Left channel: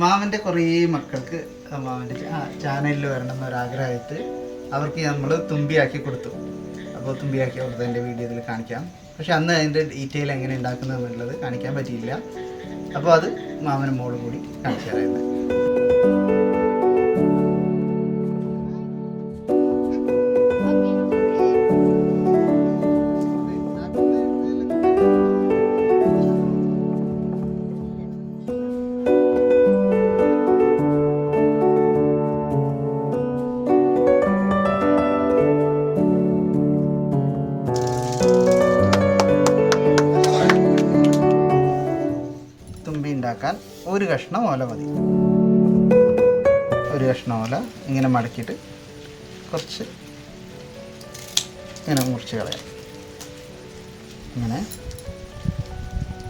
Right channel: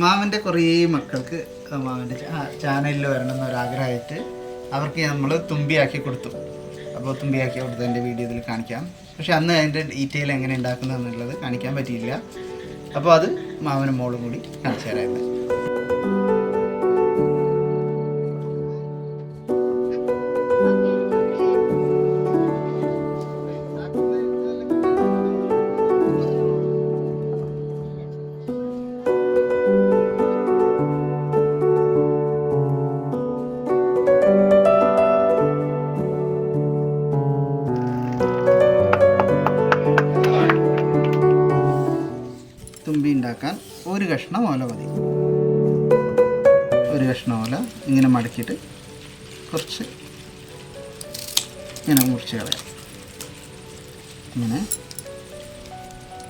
മാമൻ്റെ കുറേ മക്കൾക്ക് മാമൻ്റെ ചാനലിൽ വരണം എന്നൊരാഗ്രഹമായിട്ട് അവർക്ക് നമ്മൾ തുമ്പിയാക്കി കൊടുത്തു. അപ്പോൾ തുമ്പിയാക്കി കൊടുത്തതിൻ്റെ വീഡിയോ ഇതിൽ കാണിക്കാം. പക്ഷെ അന്ന് അതിൻ്റെ ഡീറ്റെയിൽ എങ്ങനെ ഉണ്ടാക്കുന്നത് എന്നുള്ളത് കാണിക്കാൻ പറ്റിയില്ല. അപ്പോൾ അത് മാമനും മോളും കൂടി കാണിച്ചു തരായിരുന്നു. തുമ്പി ഉണ്ടാക്കാൻ ഒരു കഷ്ണം ഓല മതി. ഒരു കഷ്ണം ഓല ഇങ്ങനെ മടക്കിയിട്ട് കുറച്ച് ഇങ്ങനെ മുറിച്ച് കളയാം. ഇങ്ങനെ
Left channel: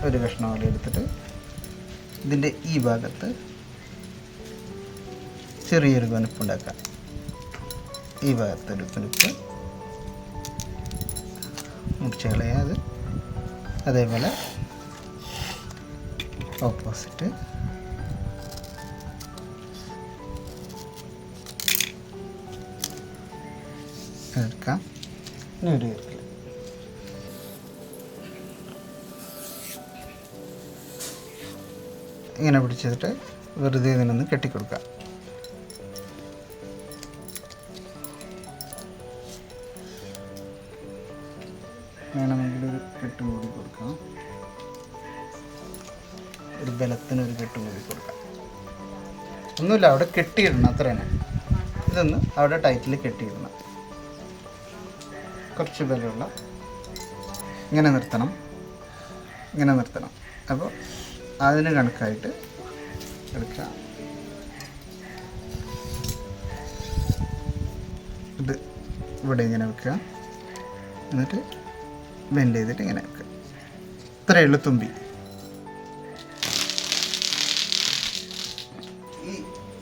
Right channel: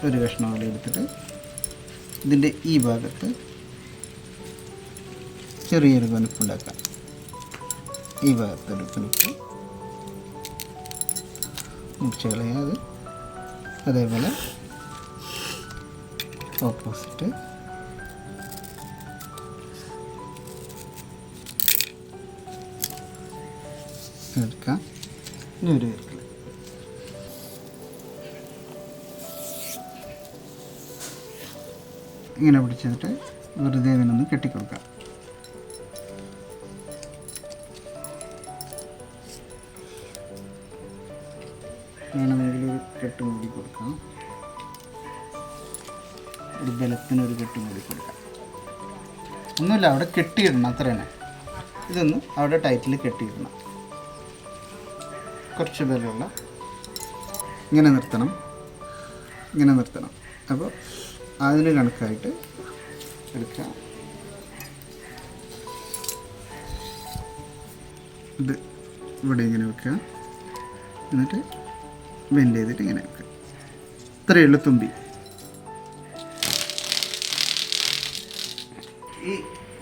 ഒരു കഷ്ണം ഓല എടുത്തിട്ട് ഇതിൻ്റെ ഈ ഭാഗത്ത് ചെറിയൊരു കനുപ്പുണ്ടാക്കാം. ഈ ഭാഗത്തൊരു കനുപ്പ് മുറിച്ച് കളയാം. അതേപോലെ ഓപ്പോസിറ്റ് എടുക്കാം. ഇനി ഒരു കരുത്തിൽ ഇങ്ങനെ പിടിച്ചിട്ട് വെറുതെ ഇതിനൊന്ന് കെട്ടിക്കൊടുക്കാം. വേണമെങ്കിൽ ഒരു കെട്ട് മൂടി കൊടുക്കാം. ഒരു ബലത്തിനൊരു കെട്ട് മൂടി കൊടുക്കാം. ഒന്നുമില്ല, അവിടെ കെട്ടിയിടണം, അത്ര തന്നെ. ഇതൊന്ന് അവിടെ ടൈറ്റിൽ കെട്ടിയിടണം. കുറച്ച് ബലമുള്ള ഇങ്ങനെ നിർത്തണം, ഇങ്ങനെ നിർത്തണം. അപ്പോൾ അതിന് കണക്കായിട്ട് എടുക്കാം. ഇത് ഇവിടെ ഇങ്ങനെ വെക്കുക, എന്നിട്ട് ബെൻഡ് ചെയ്തിട്ട് ഇങ്ങനെ വെക്കുക. ഇത്രയേ ഉള്ളൂ തുമ്പി.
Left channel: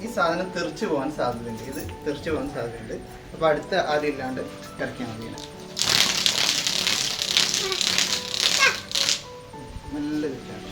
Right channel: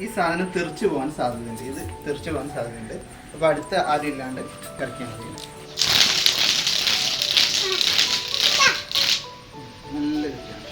ഈ സാധനം തെറിച്ച് പോകാൻ സാധ്യതയുണ്ട്. ഇത് തെറിച്ച് പോകാൻ സാധ്യതയുണ്ട്. അപ്പോൾ അടുത്ത ആദ്യം ഇല്ലാണ്ട് കളിക്കാൻ മതി. നല്ല കിട്ടാണ്.